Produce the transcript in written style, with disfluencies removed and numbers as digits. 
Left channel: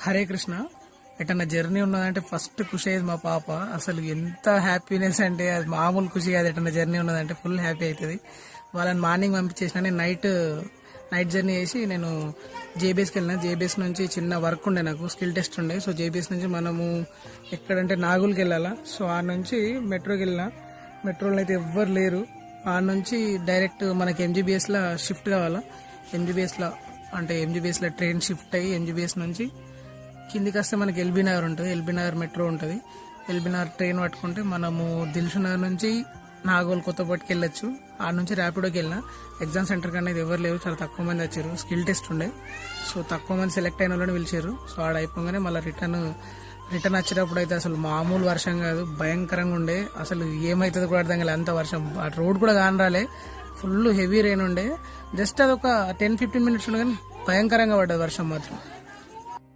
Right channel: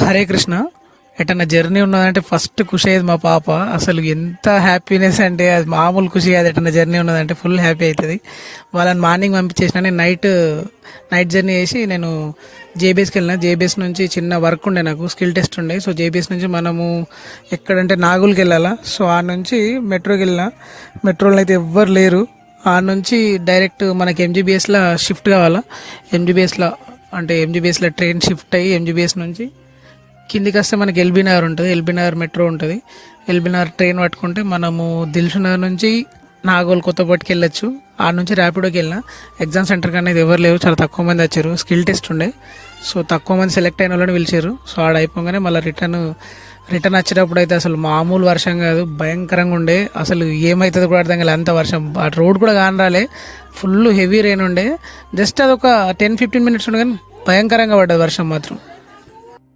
హరే కృష్ణ. ఎటన్నా జర్నీ ఉన్నదంటే ఫస్ట్ ఖుషి అయ్యేది మా పాప. అసలు ఎంత హ్యాపీనెస్ అంటే అది మామూలు ఖుషి కాదు. ఎటన్నా జర్నీ ఉన్నదంటే ఫుల్ హ్యాపీ అవుతుంది. వాళ్ళని మార్నింగ్ పంపించేసిన నేను నైట్ జర్నీ చేసి నేను జేబీఎస్కి వెళ్ళిన. జేబీఎస్ నుంచి చిన్న వర్క్ ఉండే, నాకు స్కిల్ టెస్ట్ ఉండే. సో జేబీఎస్ నుంచి మనము ఎక్కడంటే నాగుల్కి వెళ్ళాలా. సో ఆ నుంచి మెట్రోకి వెళ్ళిన. మెట్రోలో అయితే ఎవ్వరు లేరు. ఆ నుంచి డైరెక్ట్ మనకి ఎంజీబీఎస్లో షిఫ్ట్ కావాలా. ఎంజీబీఎస్లో ట్రైన్ షిఫ్ట్ అయ్యి ఎంజీబీఎస్ నుంచి కిందికి వస్తే మనకి ఎల్బీ నగర్ ఉంటుంది. ఎల్బీ నగర్ మెట్రో ఉంటుంది. ఎల్బీ నగర్ ట్రైన్ పట్టుకుంటే మనము దిల్సుఖ్ నగర్ నుంచి నాగోల్ కొత్తపేటకి వెళ్ళొచ్చు. ఆ నుంచి ర్యాపిడోకి వెళ్ళిన. ఎగ్జామ్ సెంటర్కి అనేది ఎవరు లేరు, చాలా తక్కువ మంది వచ్చారు. స్కిల్ టెస్ట్ ఉండే, సో తక్కువ మంది సెలెక్ట్ అయిన వాళ్ళని పిలిచారు. సో ఆడ అయిపోగానే మళ్ళీ రిటర్న్ వచ్చేటప్పుడు అయితే అసలు మామూలు వర్షం కాదు, భయంకరంగా ఉండే. అసలు ఏమవుతుందో కూడా అర్థం కాలేదు, అంత వర్షం. ఆ రోడ్ కూడా కాని రాలే, ఫుల్ హెవీ రెయిన్ ఉండే. జస్ట్ అదొక 10-15 మినిట్స్ ఉండే కానీ భయంకరంగా పడ్డది వర్షం మాత్రం.